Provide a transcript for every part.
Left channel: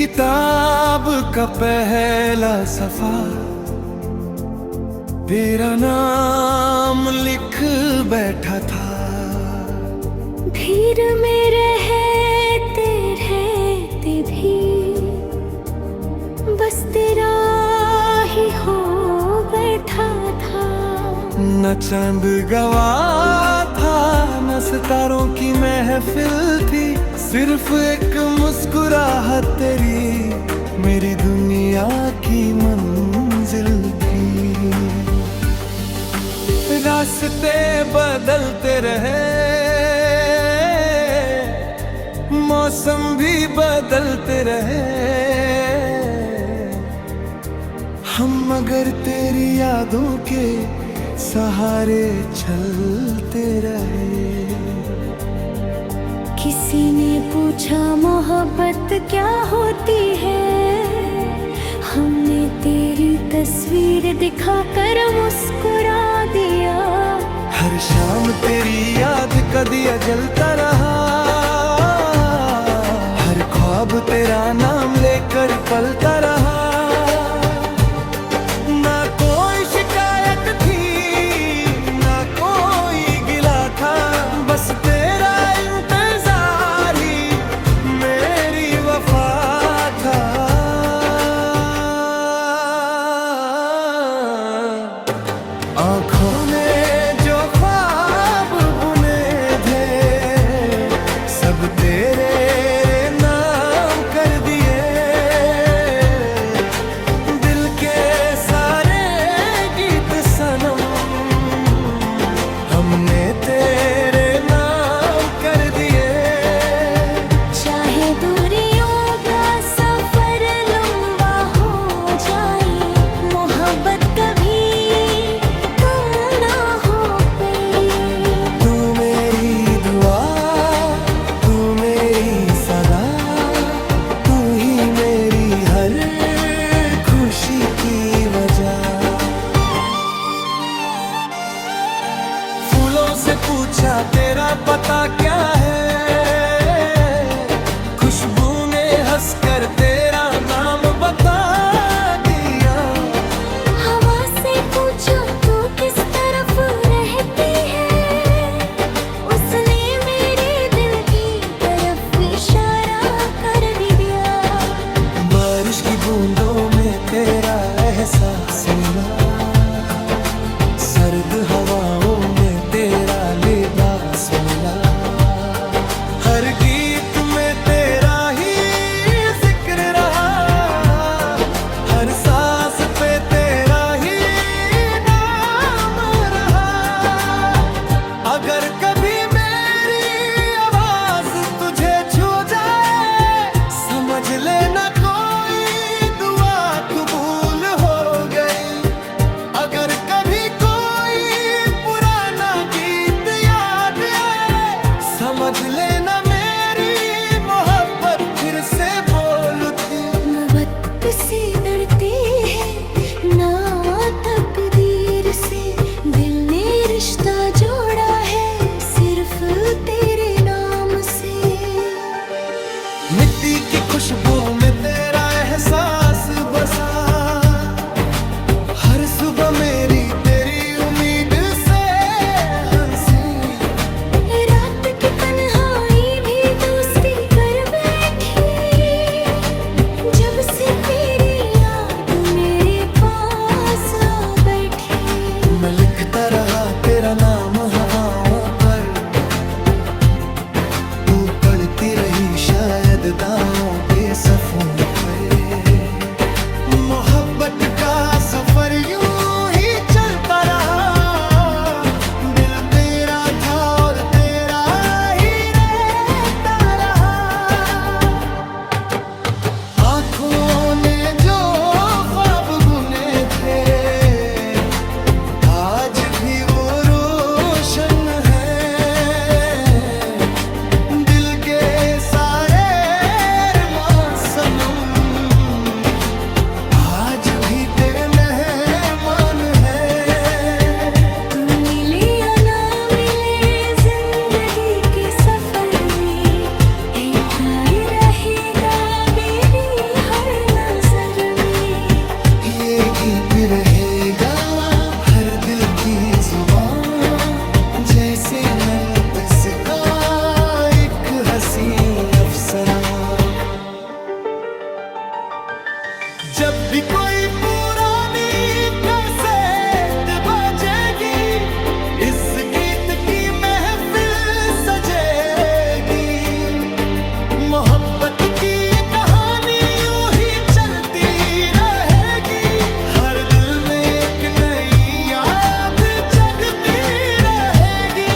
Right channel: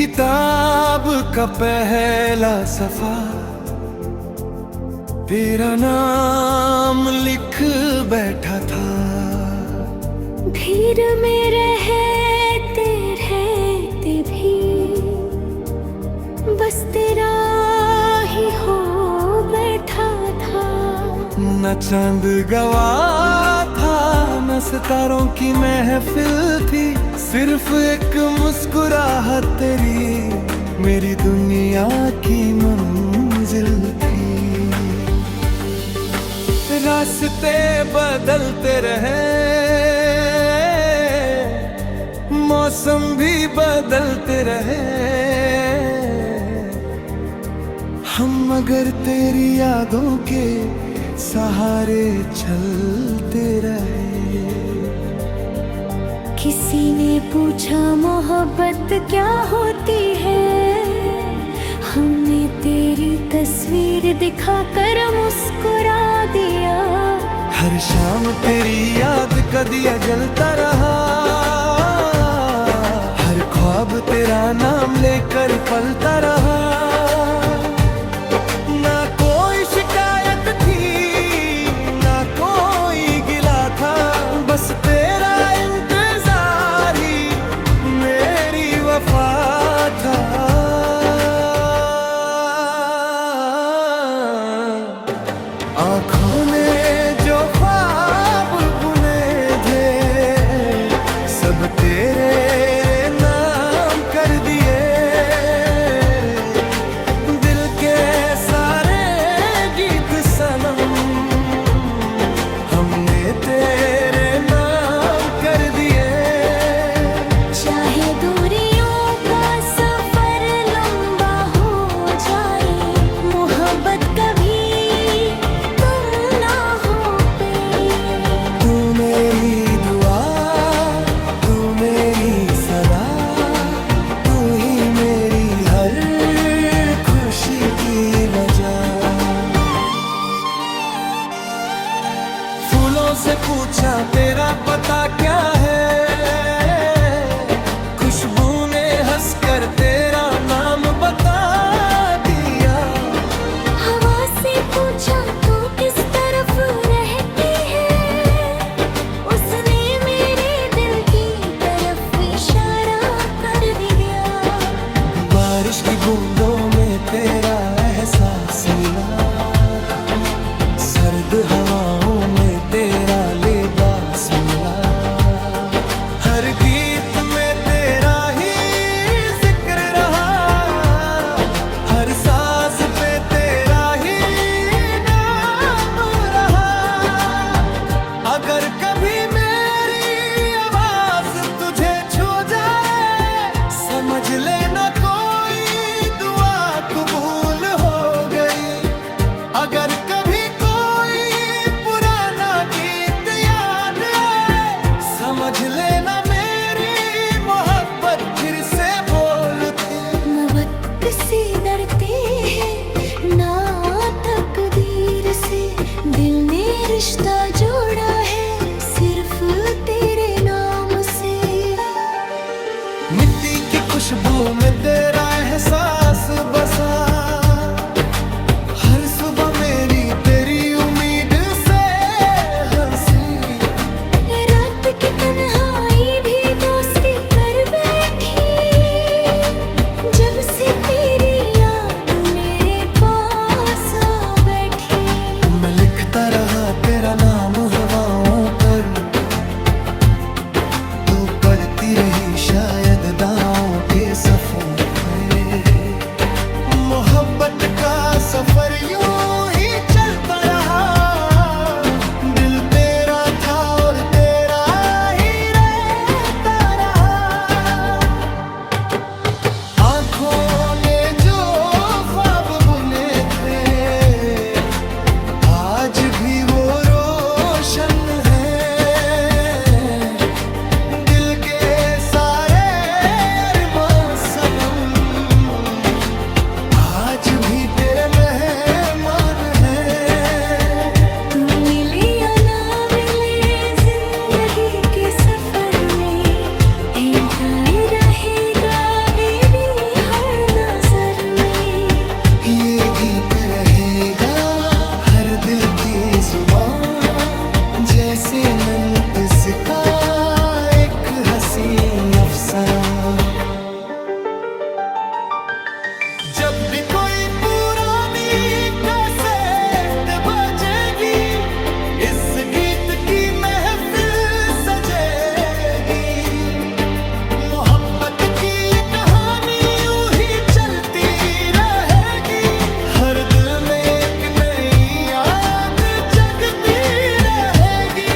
किताब का पहला सफा तेरा नाम लिख बैठा था। भीड़ में रहते रहते भी बस तेरा ही हो बैठा था। न चांद गवाह था न सितारों की महफिल थी, सिर्फ एक मुस्कुराहट तेरी मेरी दुनिया की मंजिल थी। रास्ते बदलते रहे, मौसम भी बदलते रहे, हम मगर तेरी यादों के सहारे चलते रहे। किसी ने पूछा मोहब्बत क्या होती है, हमने तेरी तस्वीर दिखाकर मुस्कुरा दिया। हर शाम तेरी याद का दिया जलता रहा, हर ख्वाब तेरा नाम लेकर पलता रहा। ना कोई शिकायत थी ना कोई गिला था, बस तेरा इंतजार ही मेरी वफा था। आँखों ने जो ख्वाब बुने थे सब तेरे नाम कर दिए। दिल के सारे गीत सनम हमने तेरे नाम कर दिए। चाहे दूरियों का सफर लंबा हो जाए, मोहब्बत कभी तुम ना हो पे। तू मेरी दुआ तू मेरी सदा, तू ही मेरी हर खुशी की वजह। फूलों से पूछा तेरा पता क्या है, खुशबू ने हंसकर तेरा नाम बता दिया। हवा से पूछा तू किस तरफ रहती है, उसने मेरे दिल की तरफ इशारा कर दिया। बारिश की बूंदों में तेरा एहसास मिला, सर्द हवाओं में तेरा लिबास मिला। हर गीत में तेरा ही जिक्र रहा, हर साज पे तेरा ही नाम रहा। अगर कभी मेरी आवाज तुझे छू जाए, समझ लेना कोई दुआ कबूल हो गई। अगर कभी कोई पुराना गीत याद आए, समझ लेना मेरी मोहब्बत फिर से बोलती। न वक्त से डरते हैं ना तकदीर से, दिल ने रिश्ता जोड़ा है सिर्फ तेरे नाम से। मिट्टी की खुशबू में तेरा एहसास बसा, हर सुबह मेरी तेरी उम्मीद से हंसी। रात की तन्हाई भी दोस्ती कर बैठी, जब से तेरी याद मेरे पास आ बैठी। मैं लिखता रहा तेरा नाम हवाओं पर, तू पढ़ती रही शायद दांव के सफ़ों पे। मोहब्बत का सफर यूं ही चलता रहा, दिल तेरा था और तेरा ही रहता रहा। आँखों ने जो ख्वाब बुने थे आज भी वो रोशन है। दिल के सारे अरमान सनम आज भी तेरे मेहमान हैं। तू मिले या ना मिले जिंदगी के सफर में, इनका ही रहेगा बेबी गीत रहेगा हर दिल की जुबान, जैसे नन्स का एक हंसी अफसाना। जब भी कोई पुरानी कैसेट बजेगी, इस गीत की महफिल सजेगी। मोहब्बत की कहानी यूं ही चलती रहेगी, हर दिल में एक नई याद जगती रहेगी।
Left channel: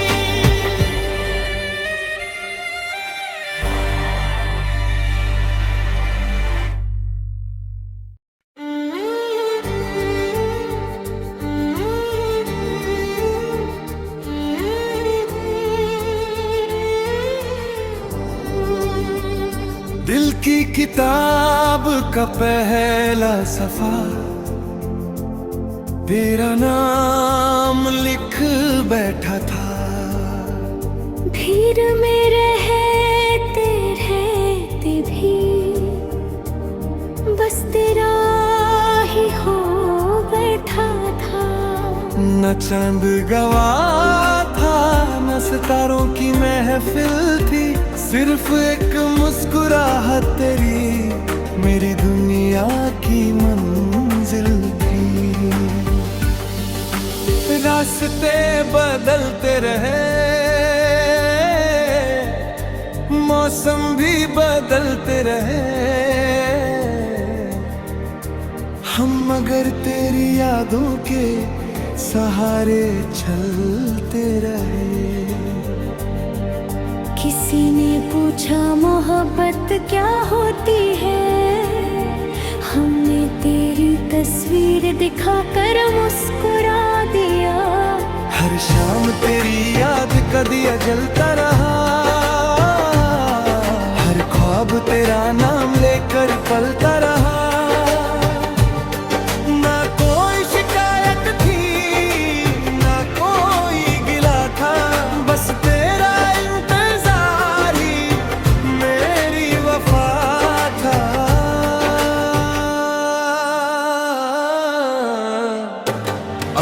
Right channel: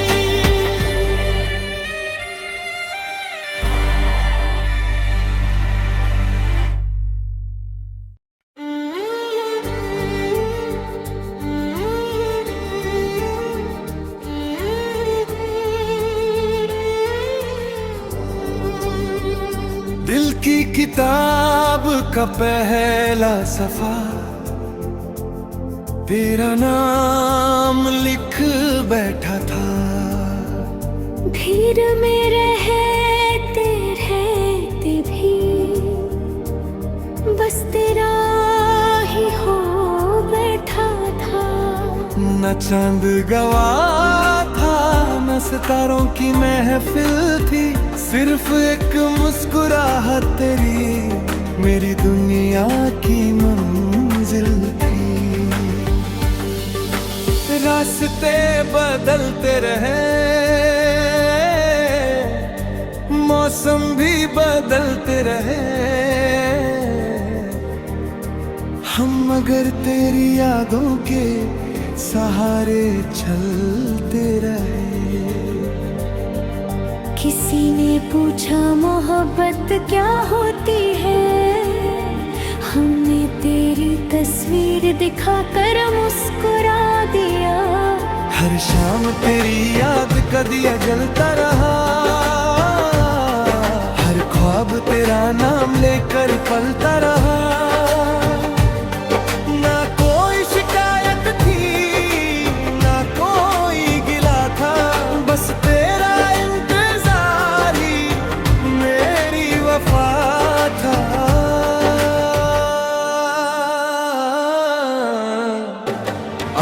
दिल की किताब का पहला सफा, तेरा नाम लिख बैठा था। भीड़ में रहते रहते भी बस तेरा ही हो बैठा था। न चांद गवाह था, न सितारों की महफिल थी, सिर्फ एक मुस्कुराहट तेरी मेरी दुनिया की मंजिल थी। रास्ते बदलते रहे, मौसम भी बदलते रहे, हम मगर तेरी यादों के सहारे चलते रहे। किसी ने पूछा मोहब्बत क्या होती है, हमने तेरी तस्वीर दिखाकर मुस्कुरा दिया। हर शाम तेरी याद का दिया जलता रहा, हर ख्वाब तेरा नाम लेकर पलता रहा। ना कोई शिकायत थी, ना कोई गिला था, बस तेरा इंतजार ही मेरी वफा था।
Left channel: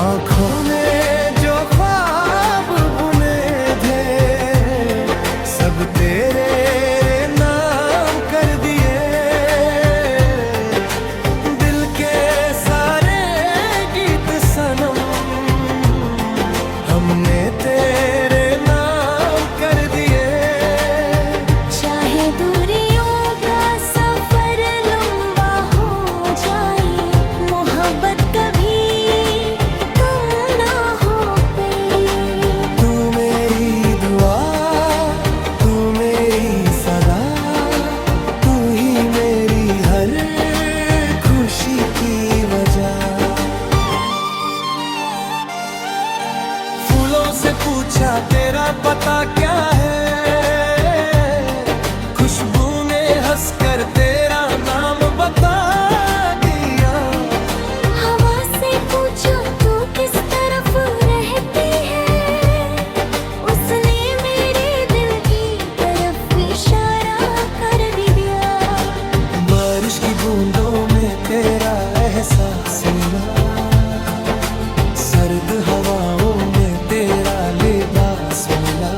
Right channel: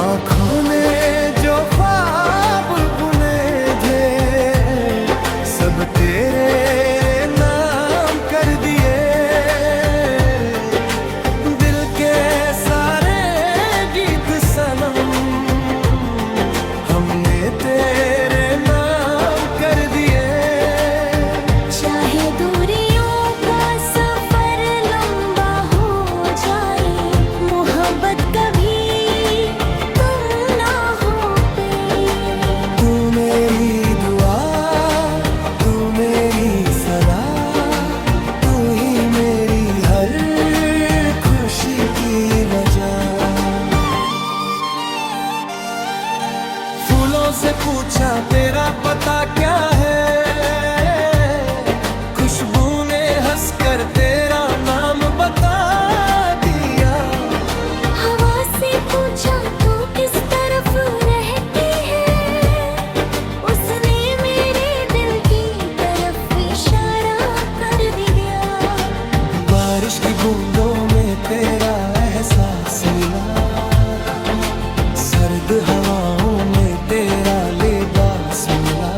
आँखों ने जो ख्वाब बुने थे, सब तेरे नाम कर दिए। दिल के सारे गीत सनम हमने तेरे नाम कर दिए। चाहे दूरियों का सफर लंबा हो जाए, मोहब्बत कभी तुम ना हो पे। तू मेरी दुआ, तू मेरी सदा, तू ही मेरी हर खुशी की वजह। फूलों से पूछा तेरा पता क्या है, खुशबू ने हंसकर तेरा नाम बता दिया। हवा से पूछा तू किस तरफ रहती है, उसने मेरे दिल की तरफ इशारा कर दिया। बारिश की बूंदों में तेरा एहसास मिला, सर्द हवाओं में तेरा लिबास मिला।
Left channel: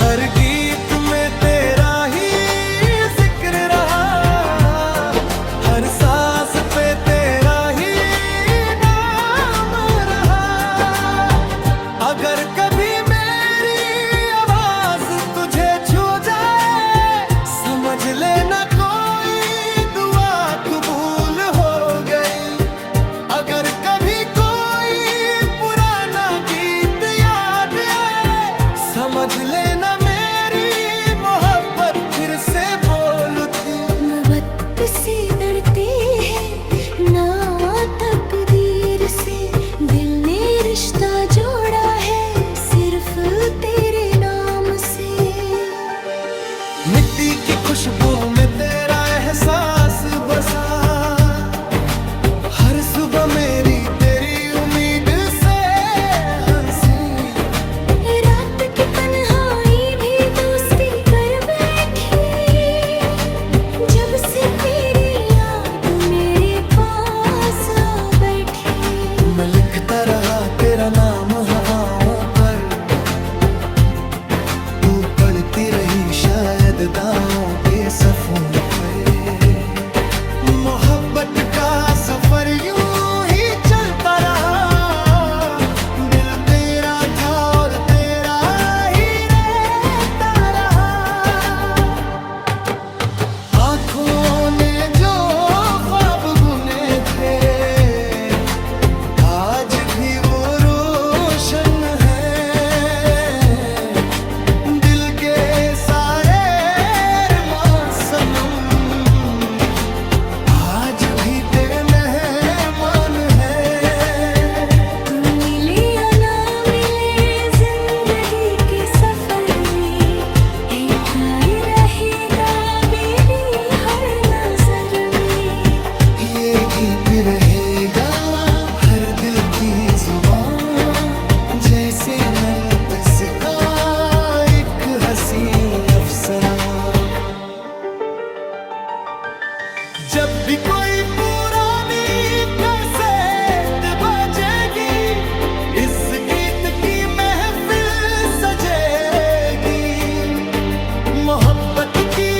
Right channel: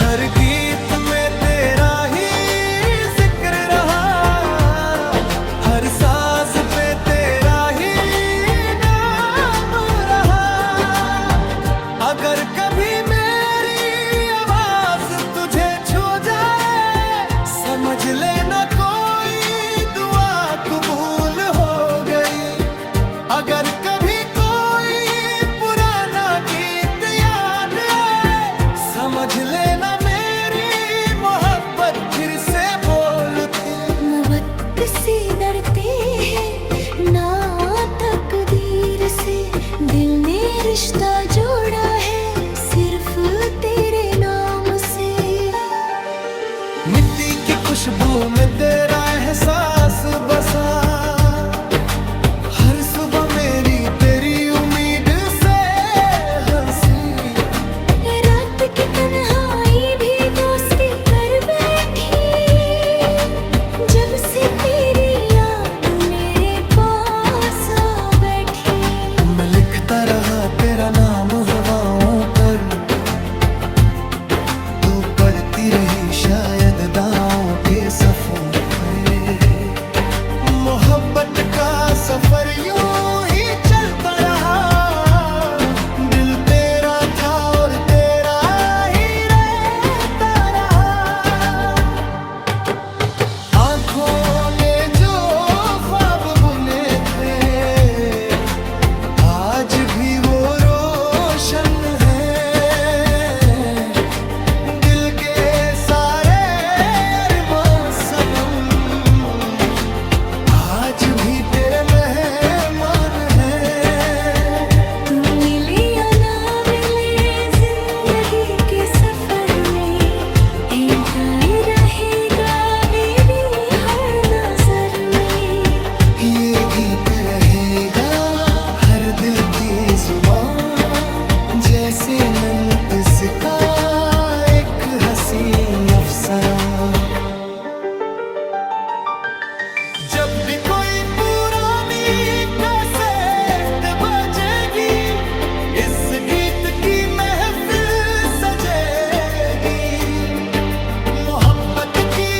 हर गीत में तेरा ही जिक्र रहा, हर साज पे तेरा ही नाम रहा। अगर कभी मेरी आवाज तुझे छू जाए, समझ लेना कोई दुआ कबूल हो गई। अगर कभी कोई पुराना गीत याद आए, समझ लेना मेरी मोहब्बत फिर से बोल उठी। न वक्त से डरते हैं ना तकदीर से, दिल ने रिश्ता जोड़ा है सिर्फ तेरे नाम से। मिट्टी की खुशबू में तेरा एहसास बसा, हर सुबह मेरी तेरी उम्मीद से हंसी। रात की तन्हाई भी दोस्ती कर बैठी, जब से तेरी याद मेरे पास रही शायद दांव के सफों पर। मोहब्बत का सफर यूं ही चलता रहा, दिल तेरा था और तेरा ही रहता रहा। आंखों ने जो ख्वाब बुने थे आज भी वो रोशन है। दिल के सारे अरमान सनम आज भी तेरे मेहमान है। तू मिले या ना मिले जिंदगी के सफर में, इनका ही रहेगा बीवी हर नजर में। ये गीत रहेगा हर दिल की जुबान, जैसे नन्स का एक हंसी अफसाना। जब भी कोई पुरानी कैसेट बजेगी, इस गीत की महफिल सजेगी। मोहब्बत की